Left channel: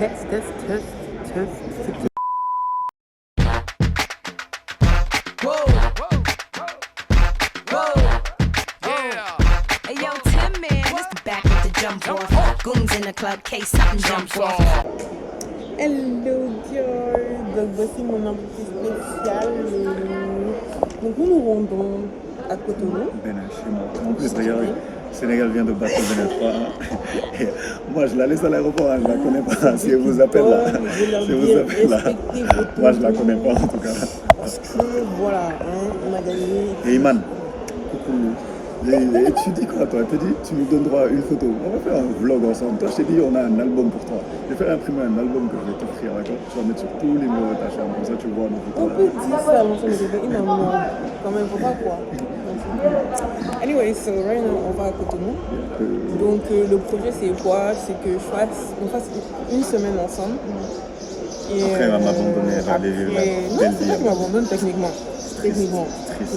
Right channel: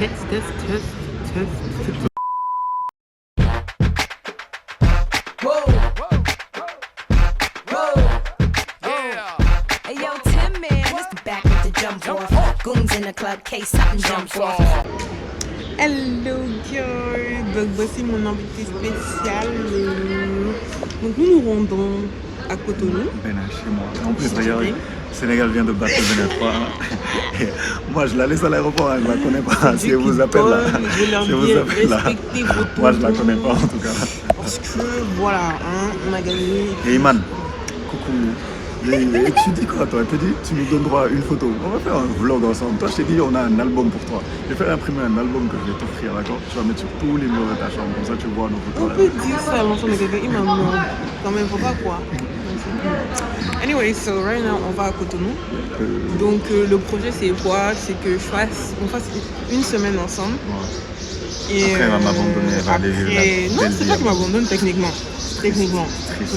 Hey yo, Tim man, it's the back with the jump off. Goons in the club, case something jumps off. Hello girl, donc voici mon invité spécial. Donc nous nous rendons à Cotonou. Bénin, chez moi. D'ailleurs, Sénégal vient de battre le Bénin 3. Et moi, je la laisse à l'aéroport, elle ne la connaît pas. Si elle vous appelle là, je vais leur dire, respectez vos tontons. moi, je la connais pas en tout cas. Parce que voilà, hein, on a gagné. Et Iman, coucou. Et tu dis quoi toi? Tu nous donnes droit à une photo. On va faire un vlog ensemble. Toi je t'ai dit on a un album pour toi. Je vais faire imprimer un album que je vais t'offrir, d'accord? Tu vas mettre sur tous les murs de ta chambre, comme ça tu vois nos photos. On peut dire ça à l'ensemble de quelqu'un, il m'a non. Quand même, faut pas quoi. Anyway, so right now on va à Cotonou. Donc le projet c'est quoi? C'est que on fasse une semaine ensemble. Et après elle va m'abandonner. Non, c'est pas que m'abandonne techniquement.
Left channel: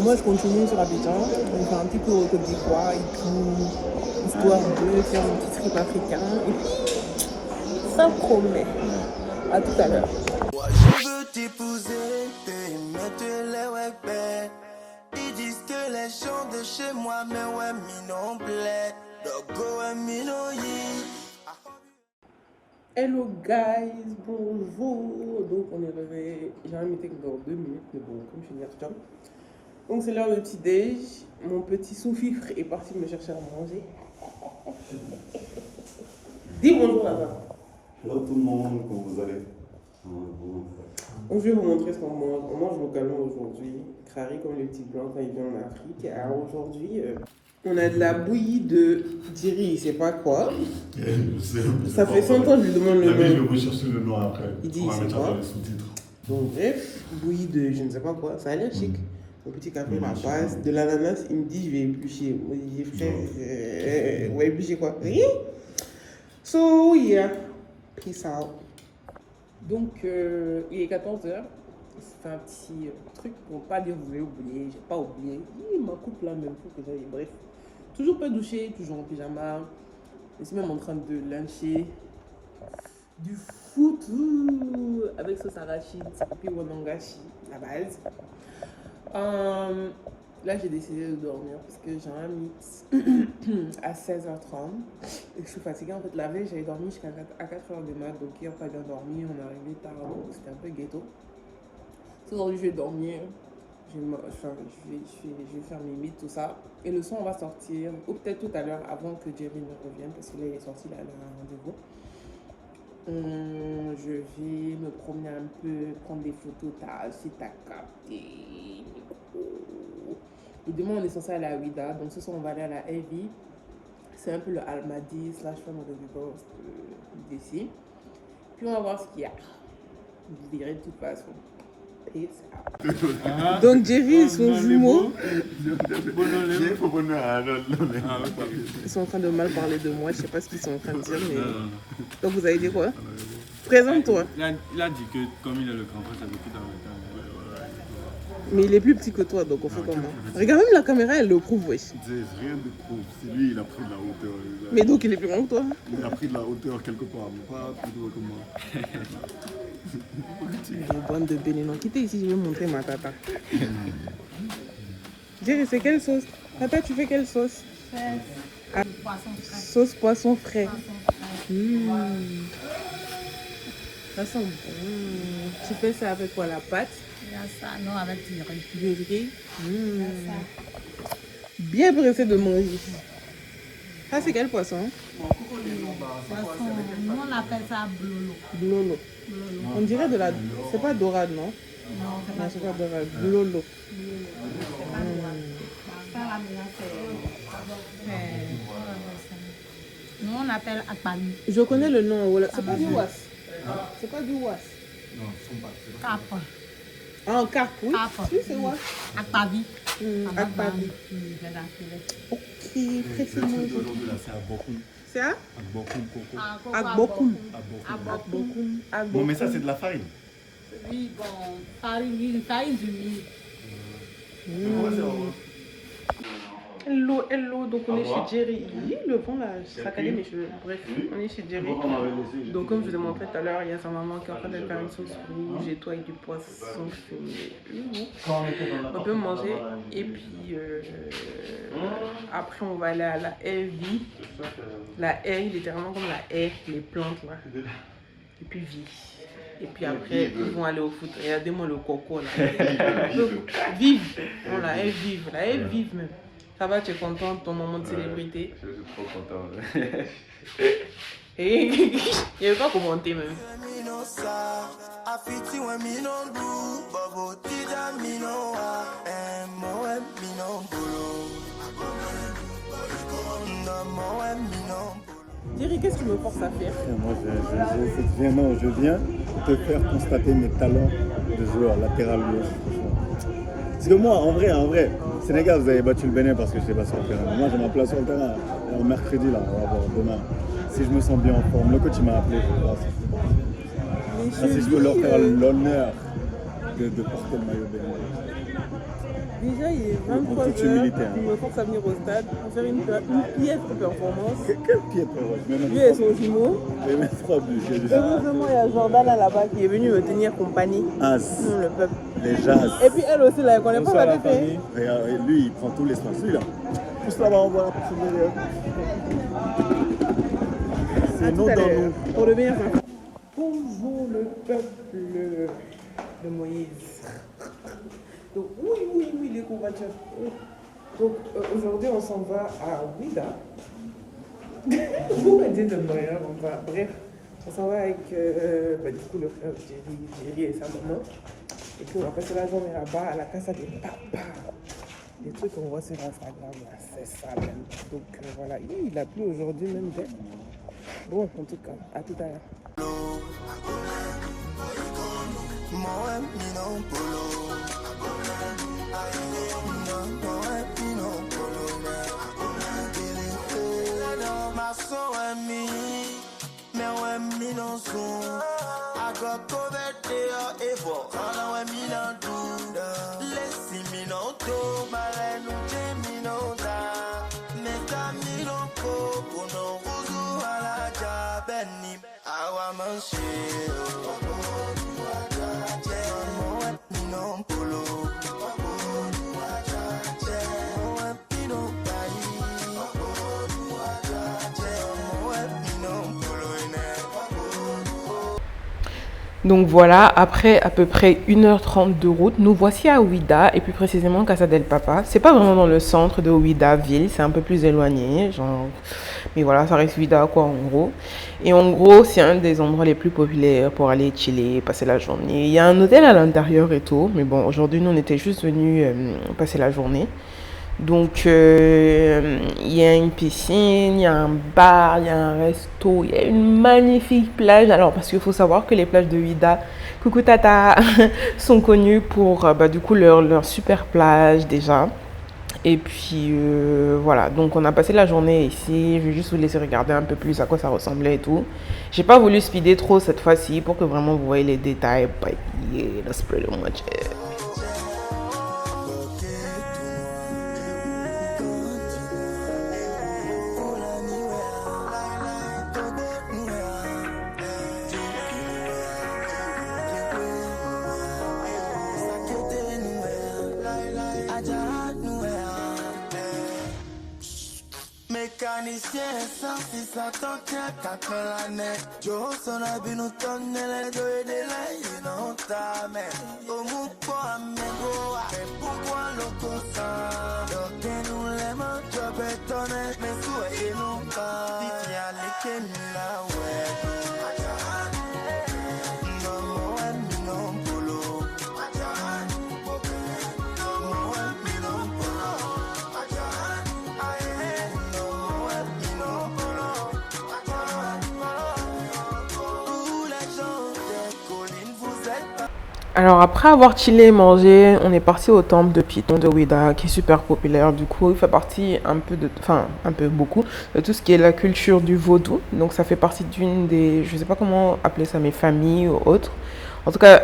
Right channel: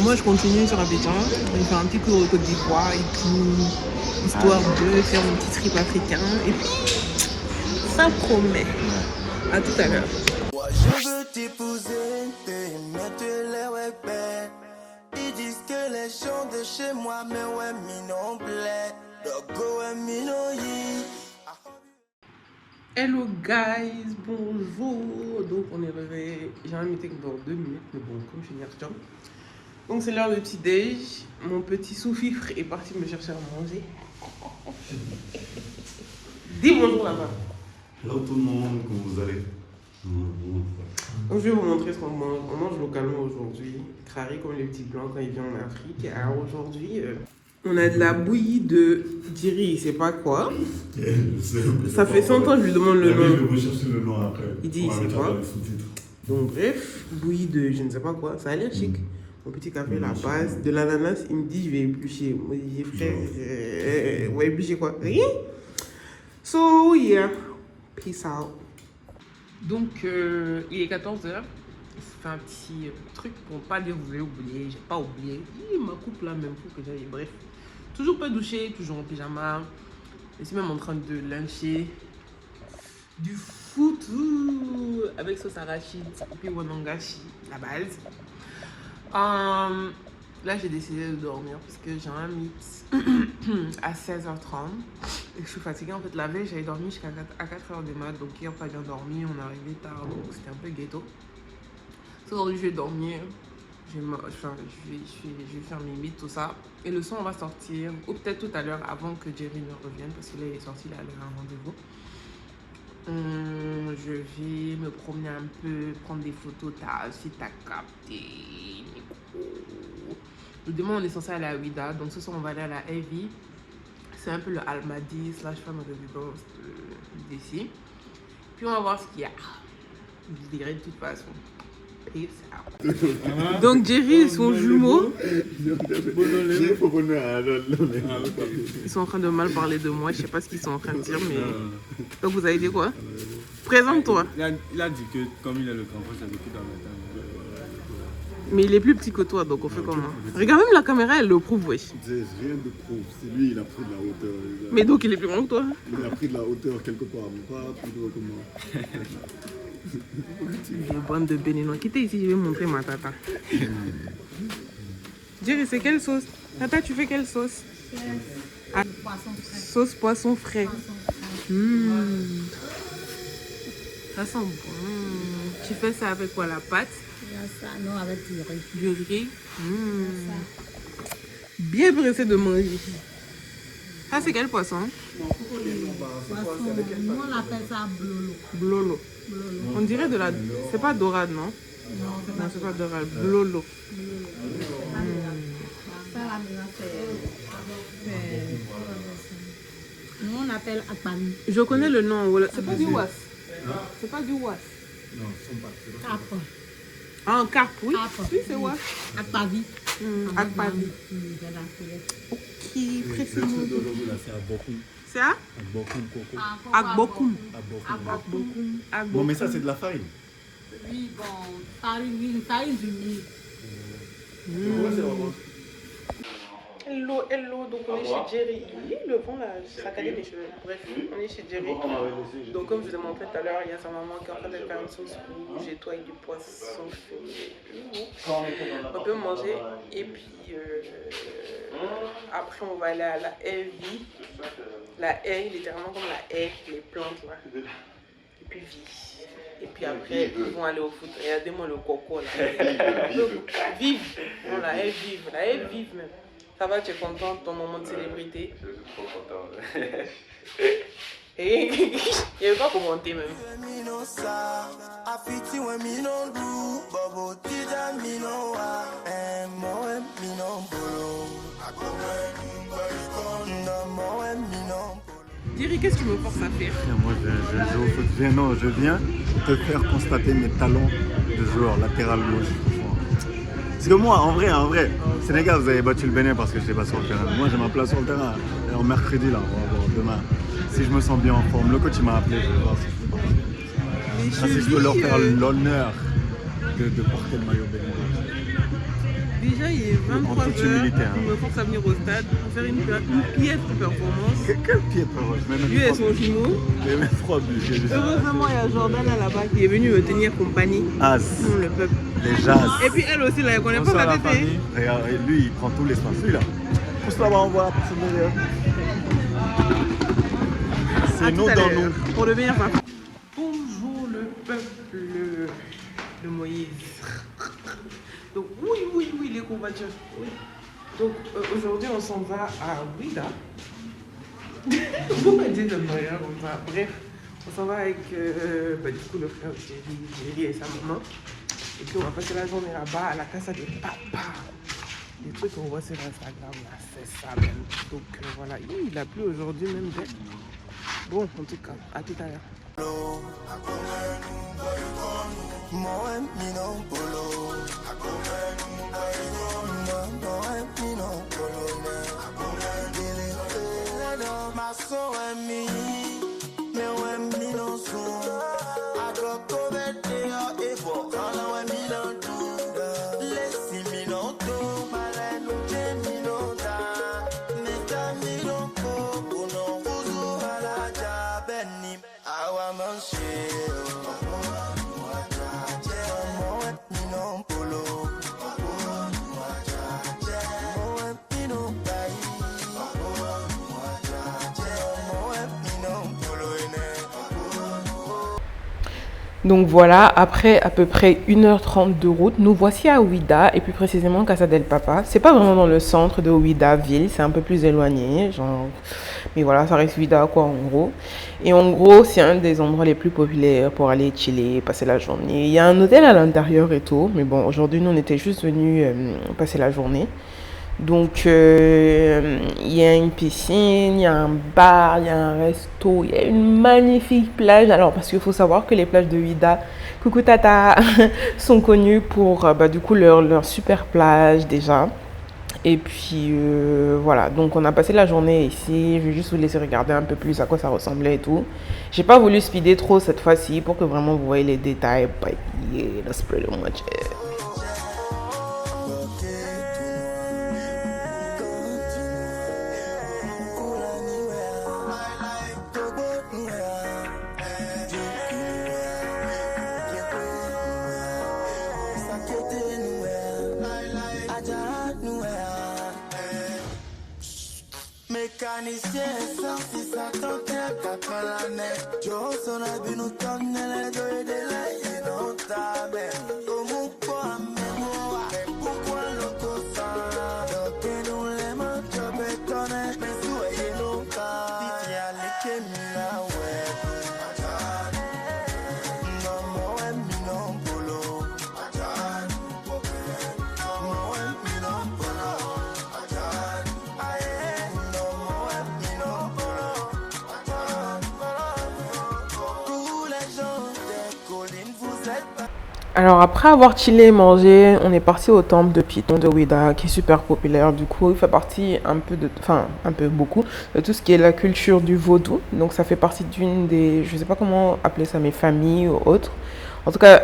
Moi je continue sur Abidjan, je fais un petit cours de Côte d'Ivoire et tout, histoire de faire mon petit trip africain. Et puis, ça promet. À tout à l'heure. Moi je veux t'épouser, et mettre les webs. Ils disent que les gens de chez moi, mais ouais, minon plaît. Dogo et minoyi. Hello guys, bonjour. Donc on est réveillé. J'ai un meeting dans 2 minutes, mais bon, comme je suis Niertian. Donc c'est l'heure du petit déj. Mon petit sous-fifre est parti me chercher à manger. Dis bonjour là-bas. Hello tout le monde, comment vous allez? Donc je vais vous montrer ce qu'on mange. On mange localement aujourd'hui. Crari comme les petits blancs quand ils viennent en Afrique. Alors aujourd'hui, on a de la bouillie de Diri, je sais pas quoi. Ça fait 100 ans que je lui demande le nom. Je vais rechercher le nom après. Il dit c'est quoi. Donc bref, bouillie de je ne sais pas quoi. Ça a l'air chic. Mon petit café, la base, de l'ananas, il me dit je vais éplucher. Moi je dis frère, on va éplucher quoi? Rien. So yeah, peace out. Donc il est 14h. Je fais un petit truc pour pas dire vous avez oublié. J'ai pas oublié. Ma coupe là même faut que j'aille. Bref, toujours pas douché, toujours en pyjama. Je suis même en train de luncher du foot avec sauce arachide et puis wanangashi, la base. Là j'ai décidé de dormir parce que j'ai un meet à 16h30 et je suis fatiguée. En fait la veille j'avais dormi jusqu'à 4h du mat, donc hier pas bien dormi, on est arrivé tard donc c'était un peu ghetto. Aujourd'hui je vais dormir, je vais faire mes meets, tout ça, et le son on va sortir ou peut-être tout à l'heure avant que Jerry ne revienne parce que là il est sorti, il a un rendez-vous. Je vais me promener un peu, prendre des photos, si t'as capté. Le demain on est censé aller à Ouida, donc ce soir on va aller à la Heavy. C'est un peu le Almadi / femme de résidence d'ici. Puis on va voir ce qu'il y a. Vous verrez de toute façon. Peace out. Donc Jerry et son jumeau, ils sont en train de mal parler de moi. Je sais pas ce qu'ils sont en train de dire, mais donc vous avez dit quoi? Présente-toi. Il a dit que comme il est le grand frère, ça vécu dans le temps. Mais il est plus petit que toi, donc on fait comment? Regarde, même la caméra, elle le prouve, wesh. Rien de prouve, c'est lui, il a pris de la hauteur. Mais donc il est plus grand que toi? Il a pris de la hauteur quelque part, mais pas plus gros que moi. Les bandes de Béninois. Quittez ici, je vais montrer ma tata. Jerry, c'est quelle sauce? Tata, tu fais quelle sauce? Ah, sauce poisson frais. Ça sent bon. Tu fais ça avec quoi? La pâte? Non, avec du riz. Du riz. Bien pressé de manger. Ça, c'est quel poisson? Poisson, nous on appelle ça Blolo. blolo. On dirait de la... C'est pas dorade, non? Non, c'est pas dorade. Blolo. Ça, là, maintenant, nous on appelle akpani. Je connais le nom. Voilà. C'est pas du was. C'est pas du was. Carpe. Ah, carpe, oui. Oui, c'est was. Akpavi. Akpavi. Ok, précisément. C'est à Bokoum. C'est à? Bokoum, Coco. Agbokoum. Bon, mais ça, c'est de la farine. Oui, bon, farine du mil. Hello, donc on est chez Jerry. Oui, le fond là, ça calme les cheveux. Bref, on est chez Jerry. Donc comme je vous l'ai montré tout à l'heure, il y a sa maman qui est en train de faire une sauce rouge et toi avec le poisson. On peut manger et puis après on va aller à la herbe. La herbe, littéralement comme la herbe, les plantes là. Et puis vie. Et puis après, ils vont aller au foot. Regardez-moi le coco là. Vive. Voilà, elle vive. Elle vive même. Ça va, tu es content de ton moment de célébrité. Et il ne pas commenter même. Thierry, qu'est-ce que tu me forces à faire? Moi, je joue au foot. Je viens te faire constater mes talents de joueur latéral gauche. Parce que moi, en vrai, Sénégal, vous avez battu le Bénin parce que je n'étais pas sur le terrain. Moi, j'ai ma place sur le terrain. Alors, mercredi, là, on va voir demain. Si je me sens bien en forme, le coach il m'a appelé, je vais voir si je peux partir. Si je peux leur faire l'honneur de porter le maillot bénin. Déjà, il est 23 h, il me force à venir au stade pour faire une piètre performance. Quelle piètre performance? Lui et son jumeau. J'ai mis 3 buts. Heureusement, il y a Jordan là-bas qui est venu me tenir compagnie. As. Le peuple. Les jazz. Et puis elle aussi, là, elle connaît pas la tête. Regarde, lui, il prend tout l'espace. Celui-là. Pousse là-bas, on voit. C'est nous dans nous. Pour le meilleur papa. Bonjour le peuple de Moïse. Donc oui, les courbatures. Oui. Donc aujourd'hui on s'en va à Ouida. Pourquoi dire de Moïse? Bref, on s'en va avec du coup le frère Jerry et sa maman. Et puis on va passer la journée là-bas à la casa de papa. Les trucs qu'on voit sur Instagram là, c'est ça même. Donc voilà, il a plu aujourd'hui même. Bon, en tout cas, à tout à l'heure. Donc voilà, après à peu près 1h30 de route, nous voici à Ouida et plus précisément Casa del Papa. C'est pas vraiment dans le centre de Ouida ville, c'est un peu plus éloigné, genre. Mais voilà, ça reste Ouida quoi en gros. Et en gros, c'est un des endroits les plus populaires pour aller chiller, passer la journée. Il y a un hôtel à l'intérieur et tout, mais bon, aujourd'hui nous on était juste venus passer la journée. Donc, il y a une piscine, il y a un bar, il y a un resto, il y a une magnifique plage. Alors, parce qu'il faut savoir que les plages de Ouida, coucou tata, sont connues pour du coup leur super plage déjà. Et puis, voilà. Donc, on a passé la journée ici. Je vais juste vous laisser regarder un peu plus à quoi ça ressemblait et tout. J'ai pas voulu speeder trop cette fois-ci pour que vraiment vous voyez les détails. But yeah, that's pretty much it. Mécanicien sans si ça t'entend qu'à l'année. Joe son habit nous tourne les deux et des laïcs non t'amène. Au mou pas mais pourquoi le coussin? Donc nous les mains tu bétonnes mais soyez nous pas. Si y'a les kémila ouais. Alors après avoir chillé et mangé, on est parti au temple de Python de Ouida qui est super populaire. Du coup, il fait partie beaucoup de tout ce qui est la culture du vaudou. Donc ça fait partie d'une des, je sais pas comment appeler ça, mes familles ou autres. En tout cas,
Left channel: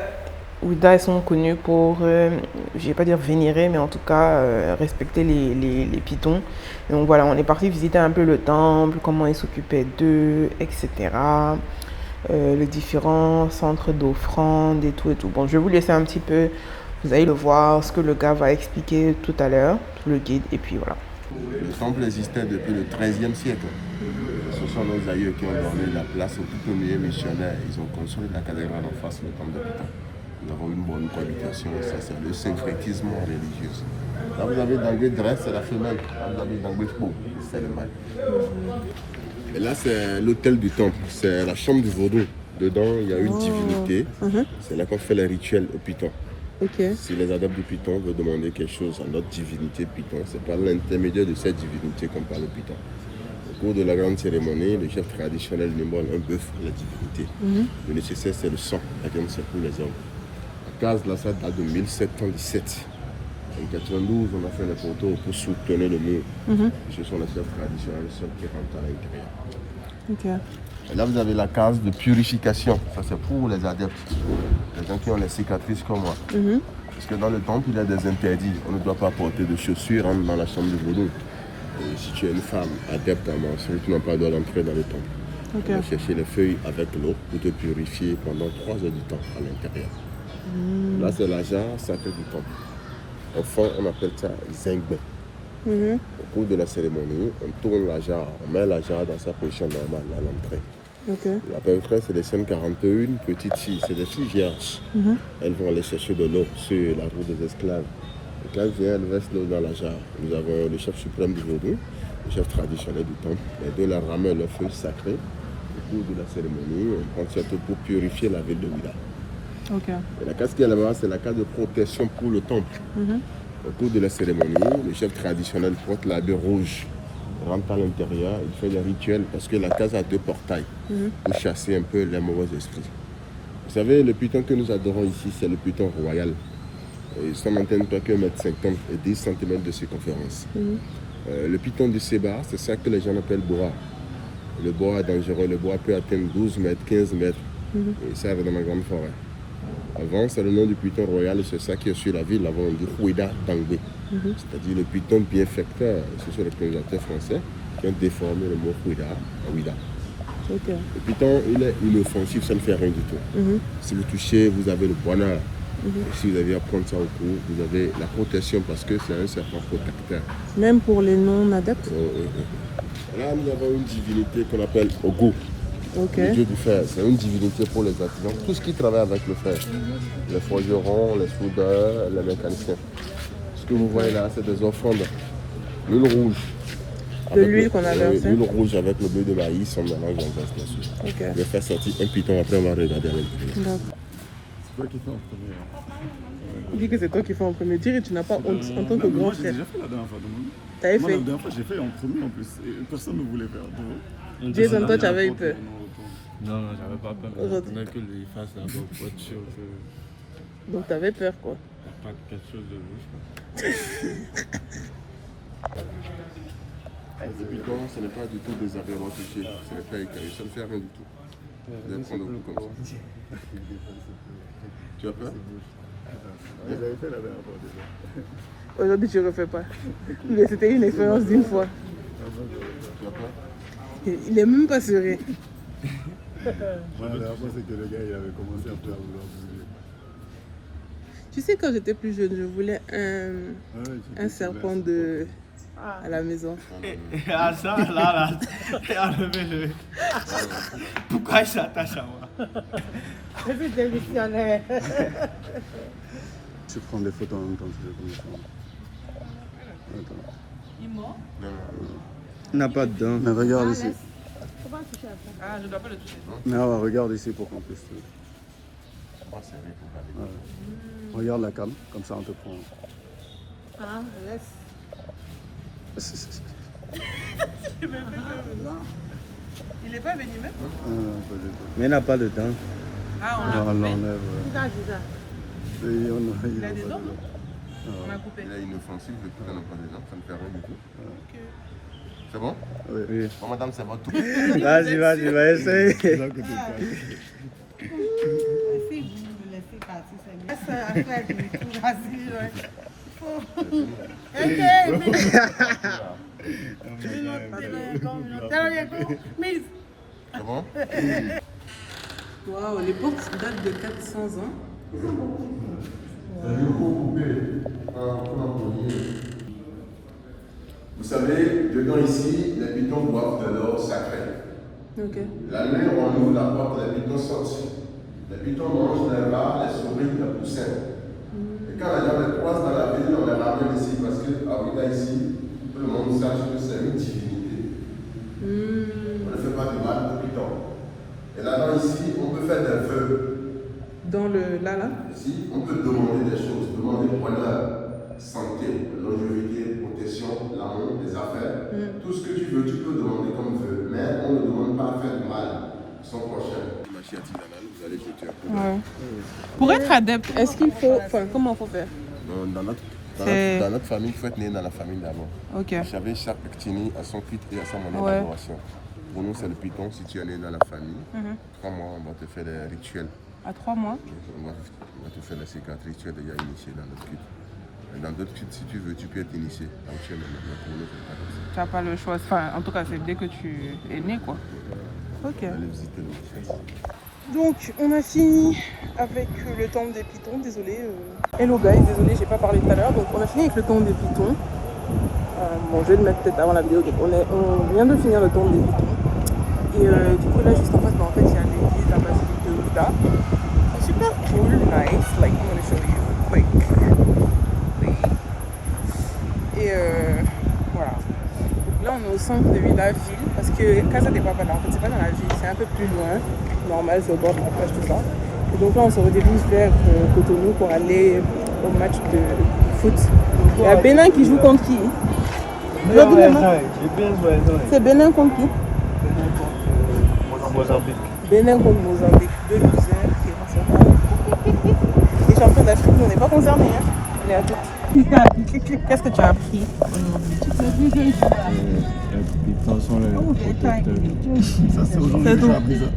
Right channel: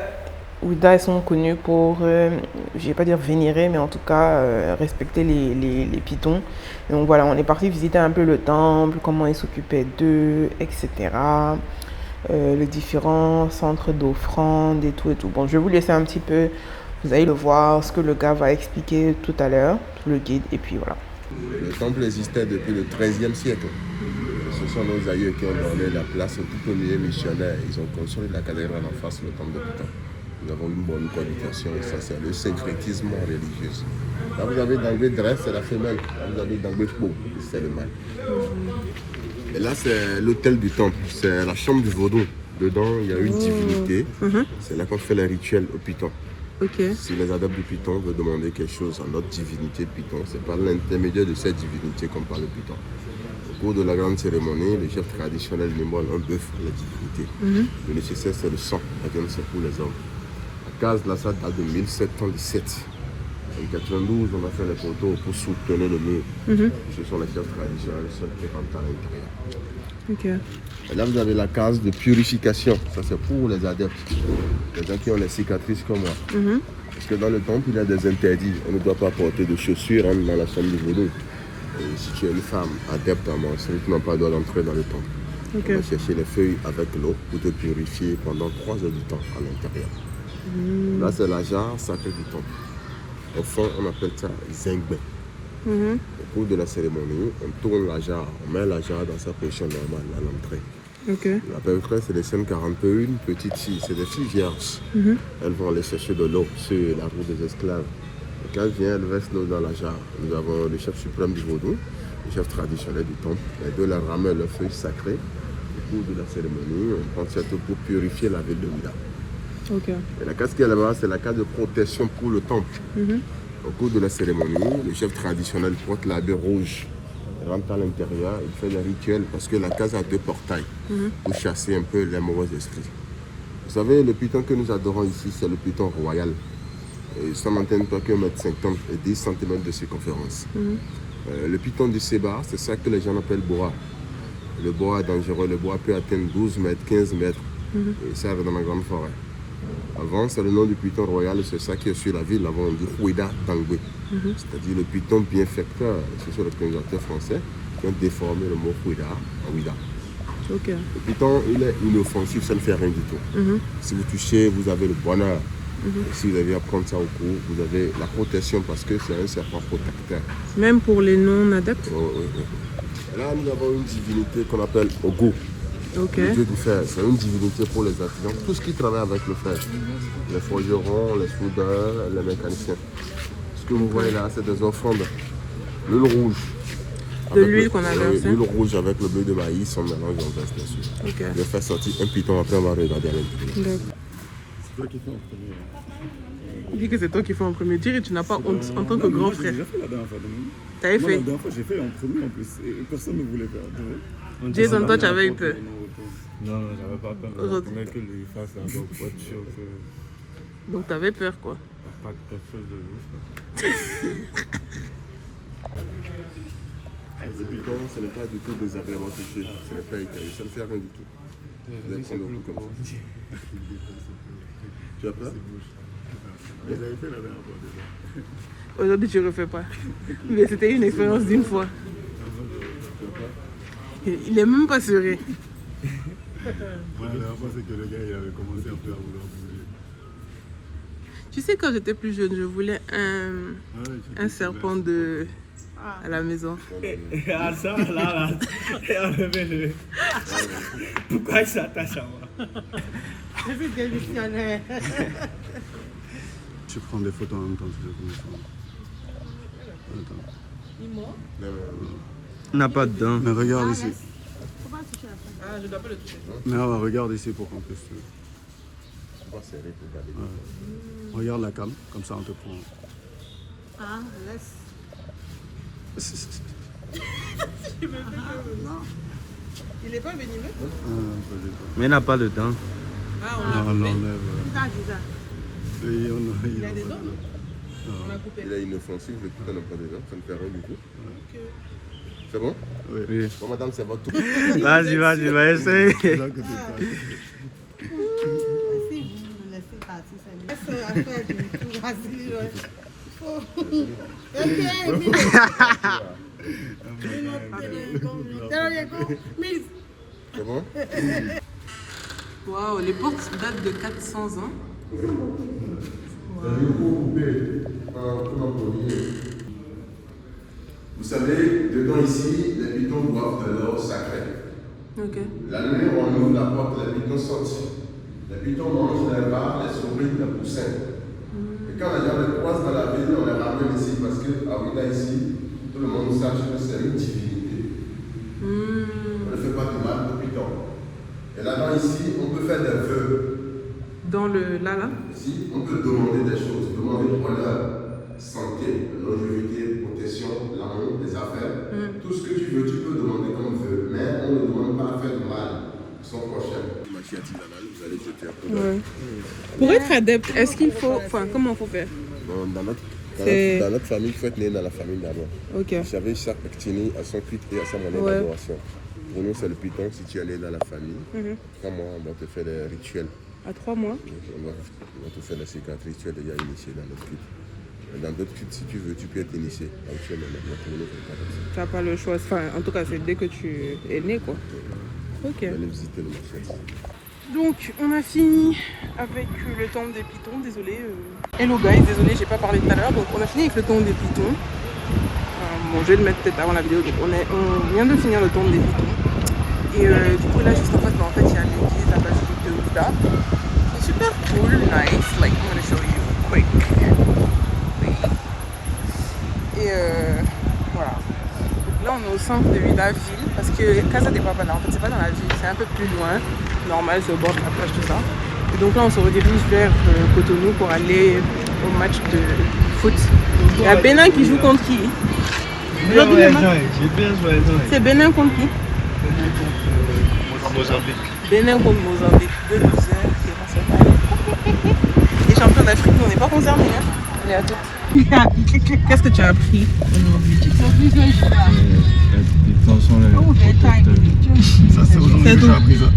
Ouida, ils sont connus pour, je vais pas dire vénérer, mais en tout cas respecter les pitons. Donc voilà, on est parti visiter un peu le temple, comment ils s'occupaient d'eux, etc. Les différents centres d'offrande et tout et tout. Bon, je vais vous laisser un petit peu, vous allez le voir, ce que le gars va expliquer tout à l'heure, le guide, et puis voilà. Le temple existait depuis le XIIIe siècle. Ce sont nos aïeux qui ont donné la place aux tout premiers missionnaires. Ils ont construit la cathédrale en face, le temple de Piton. Nous avons une bonne communication, ça c'est le syncrétisme religieux. Là vous avez Dangwe Dresse, c'est la femelle. Vous avez Dangwe Fbo, c'est le mâle. Et là c'est l'hôtel du temple, c'est la chambre du vaudou. Dedans il y a une divinité, c'est là qu'on fait les rituels au Piton. Ok. Si les adeptes du Piton veulent demander quelque chose à notre divinité Piton, c'est par l'intermédiaire de cette divinité qu'on parle Piton. Au cours de la grande cérémonie, le chef traditionnel immole un bœuf pour la divinité. Le nécessaire c'est le sang, la viande c'est pour les hommes. La case là, ça date de 1717. En 92, on a fait les poteaux pour soutenir le mur. Ce sont les chefs traditionnels seuls qui rentrent à l'intérieur. Ok. Et là, vous avez la case de purification. Ça, c'est pour les adeptes. Les gens qui ont les cicatrices comme moi. Parce que dans le temple, il y a des interdits. On ne doit pas porter de chaussures dans la chambre du vaudou. Et si tu es une femme adepte à menstruer, tu n'as pas le droit d'entrer dans le temple. Okay. On va chercher les feuilles avec l'eau pour te purifier pendant 3 heures du temps à l'intérieur. Là, c'est la jarre sacrée du temple. Au fond, on appelle ça zengbe. Au cours de la cérémonie, on tourne la jarre, on met la jarre dans sa position normale à l'entrée. Ok. À peu près, c'est des scènes 41 petites filles, c'est des filles vierges. Elles vont aller chercher de l'eau sur la roue des esclaves. Et quand elles viennent, elles versent l'eau dans la jarre. Nous avons le chef suprême du vaudou, le chef traditionnel du temple. Les deux leur ramènent leurs feuilles sacrées. Au cours de la cérémonie, on prend cette eau pour purifier la ville de Ouida. Ok. Et la case qui est là-bas, c'est la case de protection pour le temple. Au cours de la cérémonie, le chef traditionnel porte l'habit rouge, rentre à l'intérieur, il fait le rituel parce que la case a 2 portails pour chasser un peu les mauvais esprits. Vous savez, le python que nous adorons ici, c'est le python royal. Et ça n'atteint pas que 1,50 m et 10 cm de circonférence. Le python du Séba, c'est ça que les gens appellent boa. Le boa est dangereux, le boa peut atteindre 12 mètres, 15 mètres et ça arrive dans la grande forêt. Avant, c'est le nom du python royal, c'est ça qui est sur la ville. Avant, on dit Ouida Dangwe, c'est-à-dire le python bienfaiteur. Ce sont les colonisateurs français qui ont déformé le mot Ouida en Ouida. Ok. Le python, il est inoffensif, ça ne fait rien du tout. Si vous touchez, vous avez le bonheur. Si vous avez à prendre ça au cou, vous avez la protection parce que c'est un serpent protecteur. Même pour les non-adeptes? Oui. Là, nous avons une divinité qu'on appelle Ogo. Ok. Le dieu du fer, c'est une divinité pour les artisans, tout ce qui travaille avec le fer. Les forgerons, les soudeurs, les mécaniciens. Ce que vous voyez là, c'est des offrandes. L'huile rouge. De l'huile qu'on a versée. L'huile rouge avec le bleu de maïs, on mélange, on verse dessus. Ok. Je vais faire sortir un python, après on va regarder avec le D'accord. C'est toi qui fais en premier. Il dit que c'est toi qui fais en premier tir et tu n'as pas honte en tant que grand frère. J'ai fait la dernière fois. T'avais Moi, fait. la dernière fois, j'ai fait en premier en plus. Et personne ne voulait faire. Jason, toi, tu avais eu peur. Non, j'avais pas peur. Aujourd'hui. Mais que les fasse là, donc pour être sûr que Donc t'avais peur quoi. t'as pas quelque chose de louche. Le python, ce n'est pas du tout désagréable à toucher. Ce n'est pas écaillé, ça ne fait rien du tout. Je vais prendre le coup comme ça. Tu as peur? Vous avez fait la dernière fois déjà. Aujourd'hui tu refais pas. Mais c'était une expérience d'une fois. Tu as peur? Il est même pas serein. La dernière fois, c'est que le gars il avait commencé un peu à vouloir bouger. Tu sais, quand j'étais plus jeune, je voulais un serpent à la maison. Ah ça, là, enlevez-le. Pourquoi il s'attache à moi? C'est démissionnaire. Tu prends des photos en même temps, tu veux comme ça. On n'a pas de dents. Mais regarde ici. Ah, je dois pas le toucher. Mais regarde ici pour qu'on puisse. On va serrer pour garder. Regarde la cam, comme ça on te prend. Ah, laisse. Il est pas venimeux? Mais il n'a pas de dents. Ah, On l'enlève. Qui t'a dit ça? Il a des dents? On a coupé. Il est inoffensif, le python n'a pas de dents, ça ne fait rien du tout. C'est bon? Oui. Bon, madame, c'est votre tour. Vas-y, va essayer. C'est là que tu passes. Laissez, vous me laissez. parti, c'est bien. C'est un frère du tout, vas-y, ouais. Comment? Waouh, les portes datent de 400 ans. Vous savez, dedans ici, les pitons boivent de l'eau sacrée. Ok. La nuit, on ouvre la porte, les pitons sortent. Les pitons mangent les rats, les souris, les poussins. Et quand les gens les croisent dans la ville, on les ramène ici parce qu'avant ici, tout le monde sache que c'est une divinité. On ne fait pas de mal aux pitons. Et là-bas ici, on peut faire des vœux. Dans le là. Ici, on peut demander des choses, demander le bonheur, santé, longévité, protection, l'amour, les affaires. Tout ce que tu veux, tu peux demander comme vœu. Mais on ne demande pas à faire de mal à son prochain. Vous allez jeter un peu d'œil. Pour être adepte, est-ce qu'il faut. Enfin, comment il faut faire? Non, dans notre famille, il faut être né dans la famille d'abord. Ok. Vous savez, chaque petit a son culte et a sa monnaie d'adoration. Pour nous, c'est le python. Si tu es né dans la famille, 3 mois, on va te faire des rituels. À 3 mois? On va te faire les cicatrices, tu es déjà initié dans notre culte. Et dans d'autres cultes, si tu veux, tu peux être initié. Donc tu es là, pour nous, Tu n'as pas le choix. Enfin, en tout cas, c'est dès que tu es né, quoi. Ok. allez visiter le mission. Donc, on a fini avec le temple des pitons. Désolé. Hello guys, désolé, j'ai pas parlé tout à l'heure. Donc, on a fini avec le temple des pitons. Bon, je vais le mettre peut-être avant la vidéo. Donc, on vient de finir le temple des pitons. Et du coup, là, juste en face, il y a l'église, la basilique de Ouida. C'est super cool, nice. Like, I'm gonna show you quick. Et voilà. Donc là, on est au centre de Ouida ville parce que Casa de Papala, en fait, c'est pas dans la ville, c'est un peu plus loin. Normal, c'est au bord de la plage, tout ça. Et donc là, on se redirige vers Cotonou pour aller au match de foot. Il y a Bénin qui joue contre qui? C'est Bénin contre qui? Mozambique. Bénin contre Mozambique. 2 losers. Les champions d'Afrique, on n'est pas concernés. Hein. On est à toutes. Qu'est-ce que tu as appris aujourd'hui? Les pitons sont les protecteurs. Ça, c'est aujourd'hui que j'ai appris ça.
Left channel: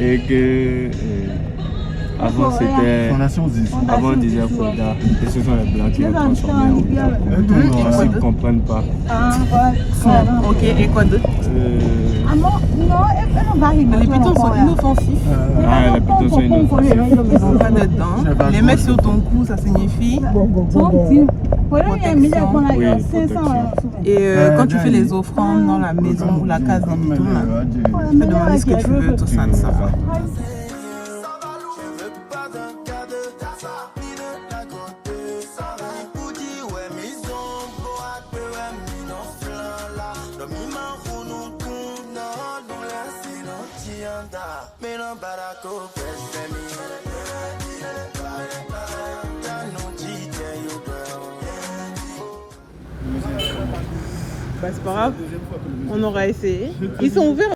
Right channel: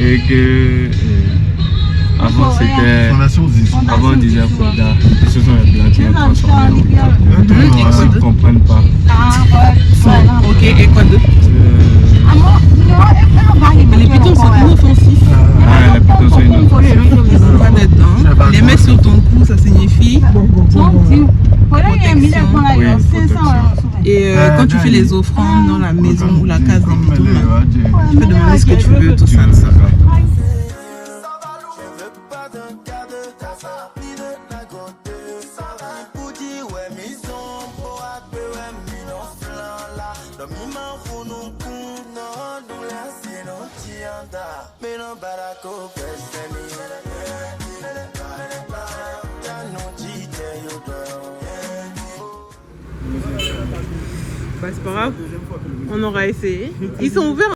Et que avant c'était. Avant on disait Fouda. Et ce sont les blancs qui l'ont transformé en Ouida. Ils ne comprennent pas. Ok, et quoi d'autre? Les pitons sont inoffensifs. Ah, les pitons sont inoffensifs. Ils n'ont pas de dents. Les mettre sur ton cou, ça signifie protection. Et quand tu fais les offrandes dans la maison ou la case des pitons, tu peux demander ce que tu veux, tout ça, tout ça. Bah c'est pas grave, on aura essayé. Ils sont ouverts.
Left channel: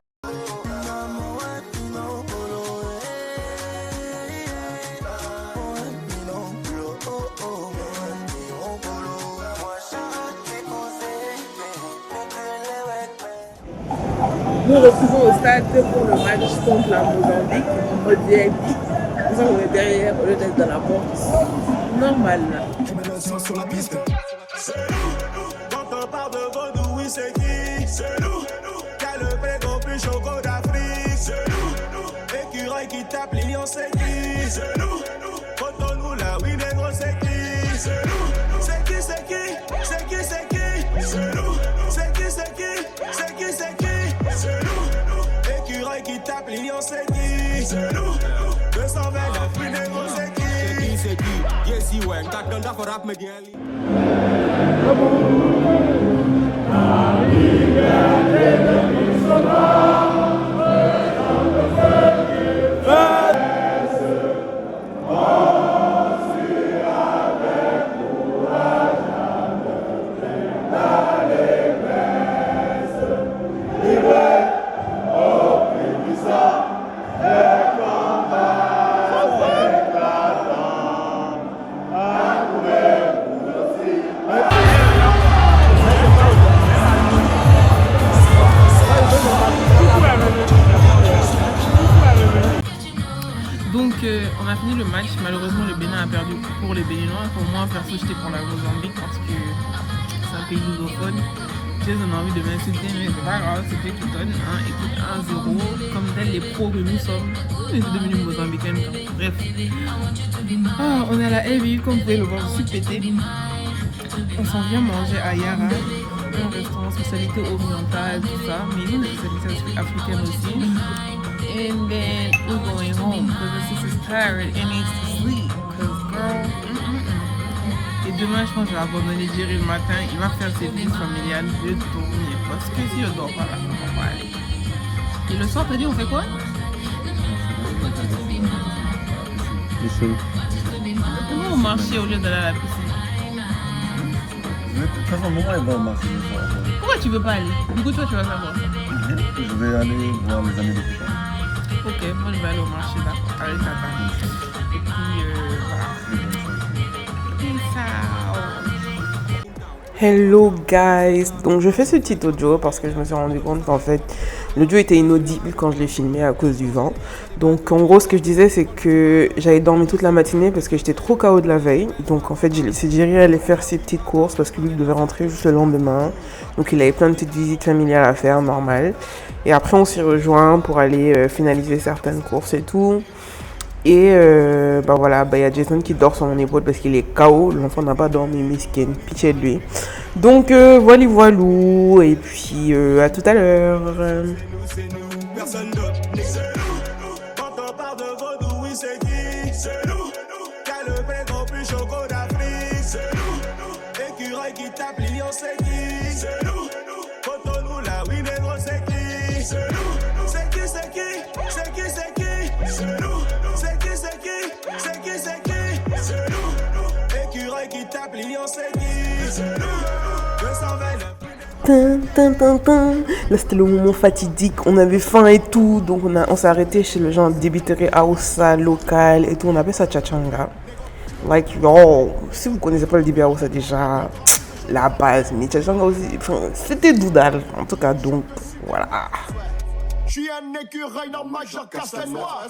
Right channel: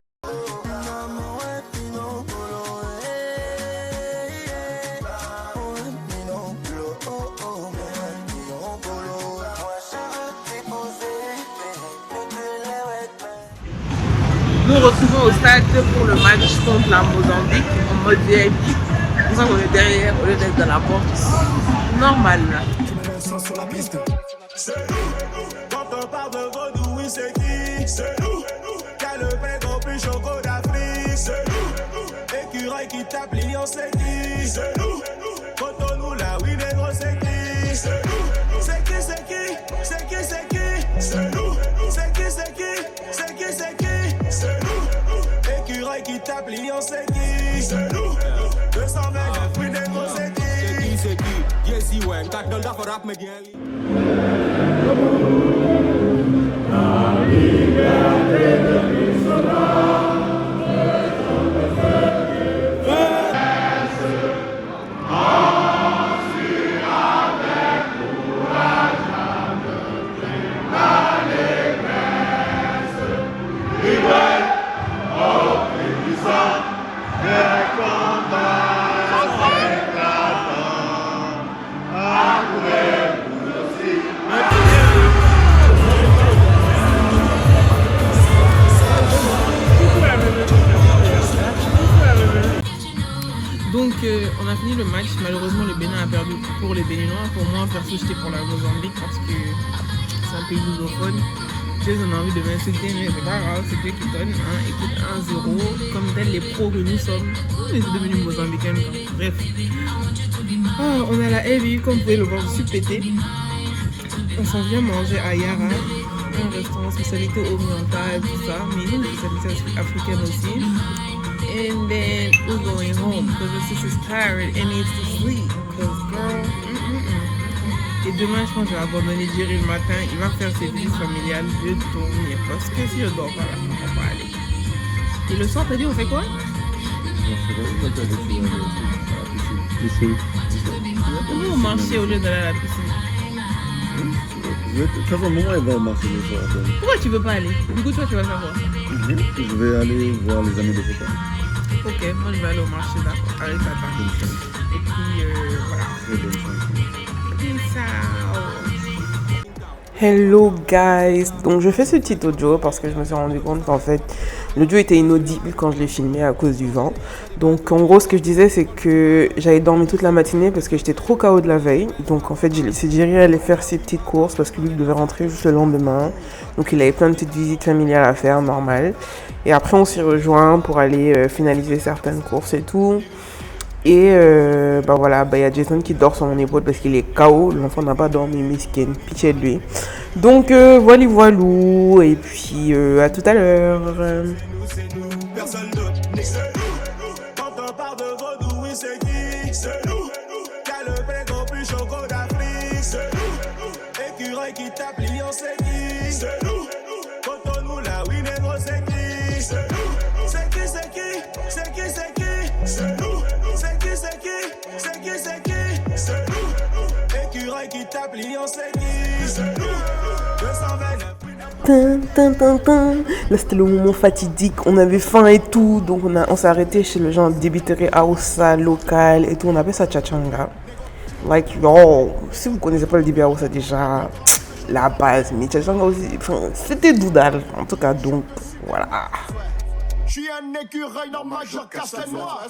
Nous retrouvons au stade pour le match contre la Mozambique en mode VIP. Nous sommes derrière au lieu d'être dans la porte. Normal. Tu mets le son sur la piste. Quand on parle de vaudou, oui c'est qui? C'est nous. Qu'a le prégo plus choco d'Afrique? C'est nous. Écureuil qui tape Lyon, c'est qui? C'est nous. Cotonou là, oui négro, c'est qui? C'est nous. C'est qui, c'est qui? C'est qui, c'est qui? C'est nous. C'est qui, c'est qui? C'est qui, c'est qui? C'est nous. Écureuil qui tape Lyon, c'est qui? C'est nous. 229, oui négro, c'est qui? C'est qui? Yes, you went. 4 dollars pour rap, mais bien. qu'on a fini le match. Malheureusement, le Bénin a perdu pour les Béninois. Pour moi, perso, j'étais pour la Mozambique parce que c'est un pays lusophone. Ils ont envie de m'insulter, mais c'est pas grave, c'est eux qui donnent. Écoute, 1-0, comme tels les pros que nous sommes. On est devenus Mozambicains. Bref. On a la LBU, comme vous pouvez le voir, aussi pété. On s'en vient manger à Yara, un restaurant spécialité orientale, tout ça, mais une spécialité africaine aussi. And then we're going home because the sister's tired and needs to sleep. Because girl, Et demain, je pense que je vais abandonner Jerry le matin. Il va faire ses visites familiales. Je vais tourner parce que si je dors pas là, on va aller. Et le soir, t'as dit, on fait quoi? Piscine. On va marcher au lieu d'aller à la piscine. Pourquoi tu veux pas aller? Du coup, toi, tu vas savoir. Je vais aller voir les amis de photo. Ok, moi, je vais aller au marché d'accord, avec ta Et puis, voilà. Peace out. Hello guys, donc je fais ce petit audio parce que je me suis rendu compte qu'en fait l'audio était inaudible quand je l'ai filmé à cause du vent. Donc en gros ce que je disais c'est que j'avais dormi toute la matinée parce que j'étais trop KO de la veille. Donc en fait j'ai laissé Jerry aller faire ses petites courses parce que lui il devait rentrer juste le lendemain. Donc il avait plein de petites visites familiales à faire, normal. Et après on s'est rejoint pour aller finaliser certaines courses et tout. Et bah voilà, bah y a Jason qui dort sur mon épaule parce qu'il est KO. L'enfant n'a pas dormi, miskin, pitié de lui. Donc voilà, voilou. Et puis à tout à l'heure. Personne d'autre, quand on parle de vaudou, oui c'est qui? C'est nous. Qu'a le prégon plus choco d'Afrique? C'est nous. Écureuil qui tape lion, c'est qui? C'est nous. Quand on nous là, oui négro, c'est qui? C'est nous. C'est qui, c'est qui? C'est qui, c'est qui? C'est nous. C'est qui, c'est qui? C'est qui, c'est qui? C'est nous. Écureuil qui tape lion, c'est qui? C'est nous. 229. Là c'était le moment fatidique, on avait faim et tout, donc on s'est arrêté chez le genre débiterie Aoussa local et tout, on appelle ça Tchachanga. Like yo, si vous connaissez pas le débit Aoussa déjà, la base, mais Tchachanga aussi, c'était doudal en tout cas, donc voilà. Je suis un écureuil normal, je casse les noix.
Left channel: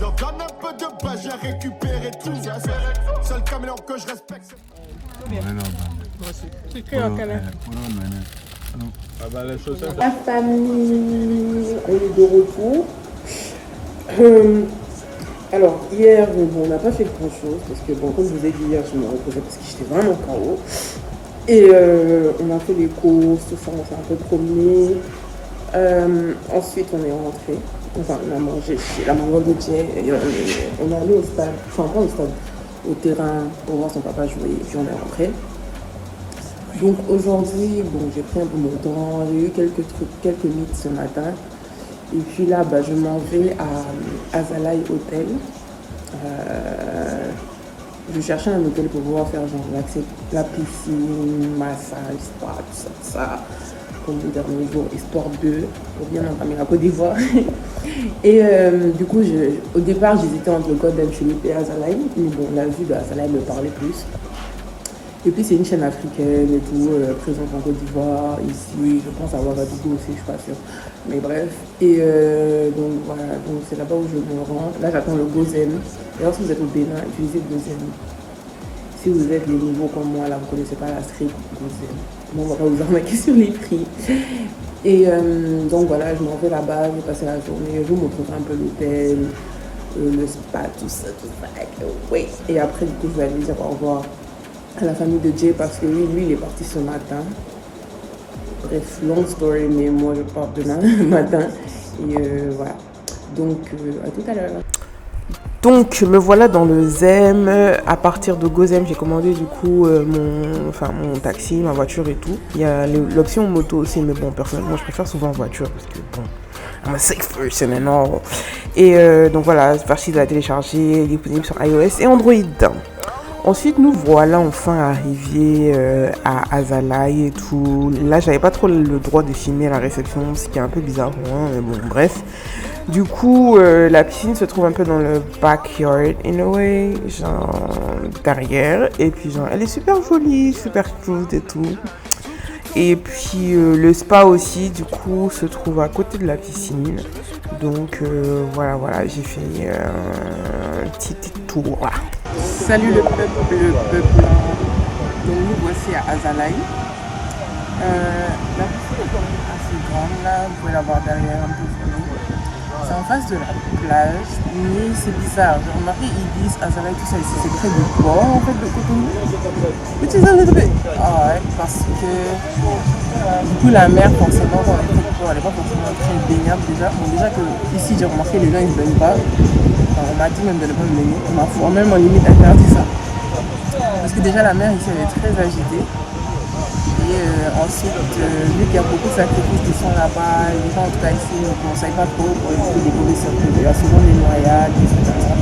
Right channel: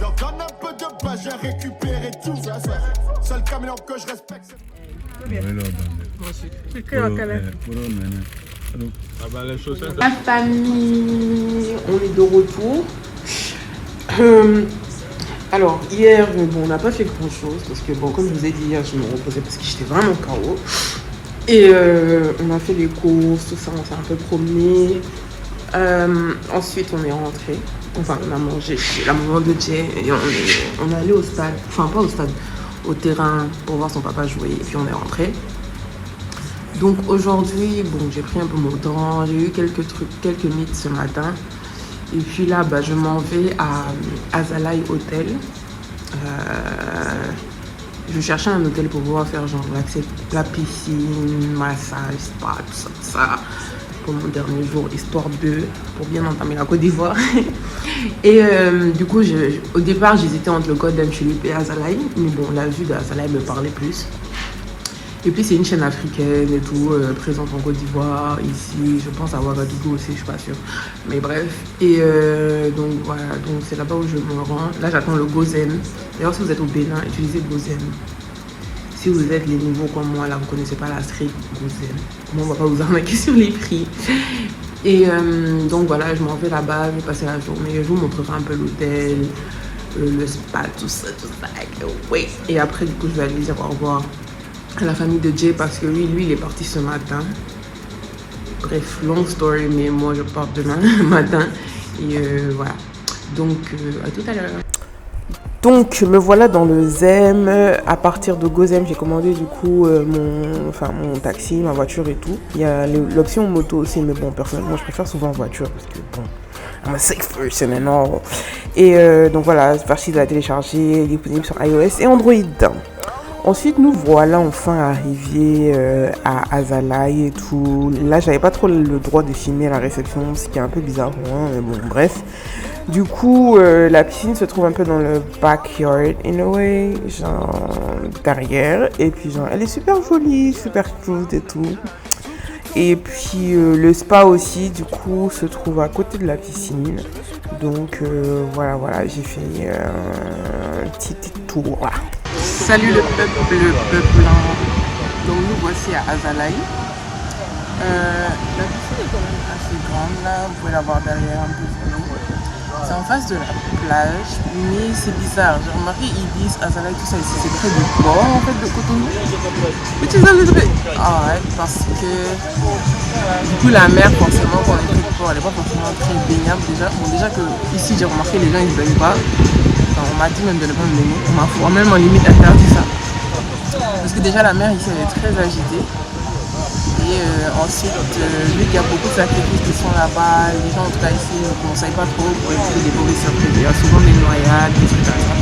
Donc donne un peu de base, j'ai récupéré tout. Seul caméléon que je respecte. C'est que un canard. La famille, on est de retour. Alors hier, on n'a pas fait grand chose parce que bon, comme je vous ai dit hier, je me reposais parce que j'étais vraiment KO. Et on a fait les courses, tout ça, on s'est un peu promené. Ensuite, on est rentré. Enfin, on a mangé chez la maman de Jay et on est allé au stade, enfin pas au stade, au terrain pour voir son papa jouer et puis on est rentré. Donc aujourd'hui, bon, j'ai pris un peu mon temps, j'ai eu quelques mythes ce matin. Et puis là, bah, je m'en vais à Azalai Hotel. Je cherchais un hôtel pour pouvoir faire genre l'accès, la piscine, massage, spa, tout ça, pour mon dernier jour, histoire pour bien entamer la Côte d'Ivoire. Et du coup, au départ, j'hésitais entre le Golden Tulip et Azalai. Mais bon, la vue d'Azalai me parlait plus. Et puis c'est une chaîne africaine et tout, présente en Côte d'Ivoire, ici, je pense à Ouagadougou aussi, je suis pas sûre. Mais bref, et donc voilà, donc c'est là-bas où je me rends. Là j'attends le Gozen. D'ailleurs si vous êtes au Bénin, utilisez Gozen. Si vous êtes les nouveaux comme moi, là vous connaissez pas la street Gozen. Moi on va pas vous arnaquer sur les prix. Et donc voilà, je m'en vais là-bas, je vais passer la journée, je vous montrerai un peu l'hôtel, le spa, tout ça, oui. Et après du coup je vais aller dire au revoir à la famille de Jay parce que lui il est parti ce matin. Bref, long story, mais moi je pars demain matin. Et voilà. Donc à tout à l'heure. Donc me voilà dans le Zem. À partir de Gozem, j'ai commandé du coup mon taxi, ma voiture et tout. Il y a l'option moto aussi, mais bon personnellement je préfère souvent voiture parce que bon, I'm a safe person and all. Et donc voilà, c'est facile à télécharger, disponible sur iOS et Android. Ensuite, nous voilà enfin arrivés à Azalai et tout. Là, j'avais pas trop le droit de filmer la réception, ce qui est un peu bizarre pour moi, mais bon, bref. Du coup, la piscine se trouve un peu dans le backyard, in a way, genre derrière. Et puis, genre, elle est super jolie, super cute et tout. Et puis, le spa aussi, du coup, se trouve à côté de la piscine. Donc, voilà, j'ai fait petit tour là. Salut le peuple, Donc nous voici à Azalai. La piscine est quand même assez grande là, vous pouvez la voir derrière un peu de l'eau. C'est en face de la plage, mais c'est bizarre. J'ai remarqué, ils disent Azalai, tout ça ici, c'est près du port en fait de Cotonou. Which is a little bit odd parce que du coup la mer forcément quand on est près du port, elle n'est pas forcément très baignable déjà. Bon déjà que ici j'ai remarqué les gens ils ne baignent pas. Alors, on m'a dit même de ne pas me baigner. Ma foi, même en limite interdit ça. Parce que déjà la mer ici elle est très agitée. Et ensuite, vu qu'il y a beaucoup de sacrifices qui sont là-bas, les gens en tout cas ici ne conseillent pas trop pour éviter des mauvaises surprises. Il y a souvent des noyades, des trucs comme ça.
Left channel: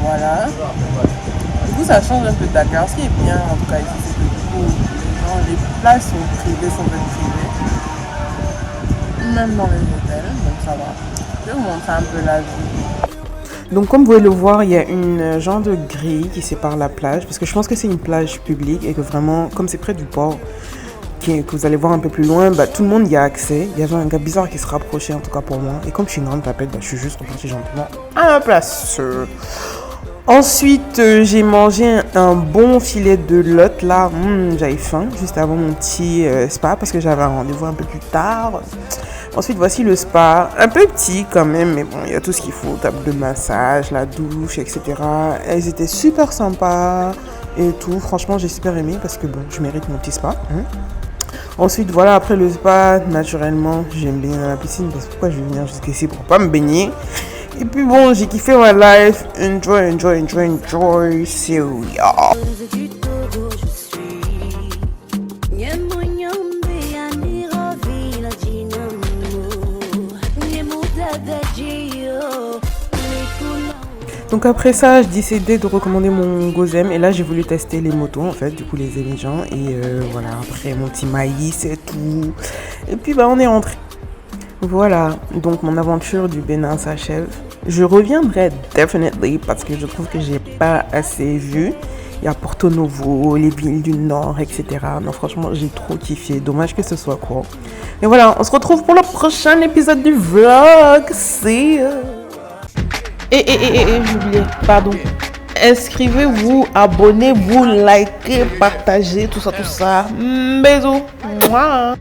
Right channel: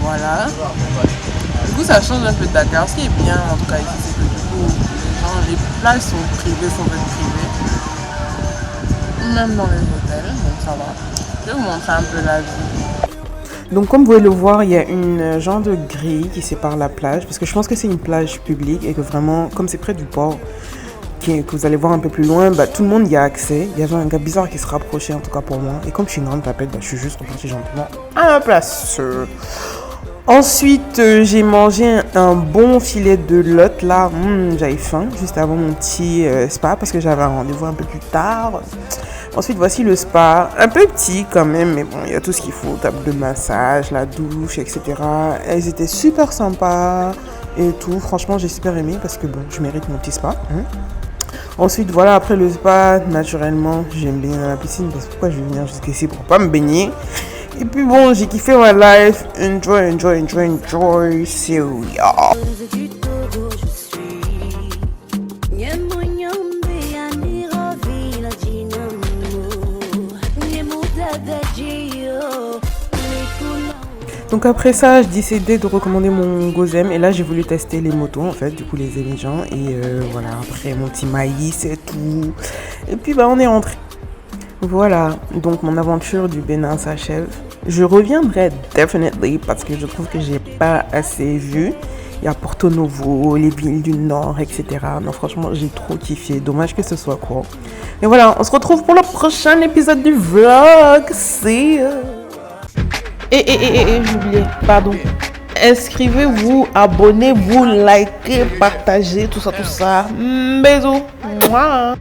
Voilà. Du coup ça change un peu de Dakar. Ce qui est bien en tout cas ici, c'est que du coup les plages sont privées, sont faites privées. Même dans les hôtels, donc ça va. Je vais vous montrer un peu la vue. Donc comme vous pouvez le voir, il y a une genre de grille qui sépare la plage, parce que je pense que c'est une plage publique et que vraiment, comme c'est près du port, que vous allez voir un peu plus loin, bah, tout le monde y a accès. Il y avait un gars bizarre qui se rapprochait en tout cas pour moi, et comme je suis une grande tapette, bah, je suis juste repartie gentiment à la place. Ensuite, j'ai mangé un bon filet de lotte là, j'avais faim, juste avant mon petit spa, parce que j'avais un rendez-vous un peu plus tard. Ensuite, voici le spa, un peu petit quand même, mais bon, il y a tout ce qu'il faut, table de massage, la douche, etc. Elles étaient super sympas et tout. Franchement, j'ai super aimé parce que bon, je mérite mon petit spa. Ensuite, voilà, après le spa, naturellement, j'aime baigner dans la piscine parce que pourquoi je vais venir jusqu'ici pour pas me baigner. Et puis bon, j'ai kiffé ma life. Enjoy, c'est yeah. Donc après ça, je décidais de recommander mon Gozem et là j'ai voulu tester les motos en fait, du coup les émigrants et voilà, après mon petit maïs et tout. Et puis bah on est rentré. Voilà, donc mon aventure du Bénin s'achève. Je reviendrai definitely parce que je trouve que j'ai pas assez vu. Il y a Porto Novo, les villes du Nord, etc. Non franchement j'ai trop kiffé, dommage que ce soit court. Et voilà, on se retrouve pour le prochain épisode du vlog. See ya. J'ai oublié, pardon. Inscrivez-vous, abonnez-vous, likez, partagez, tout ça. Bisous. Mouah.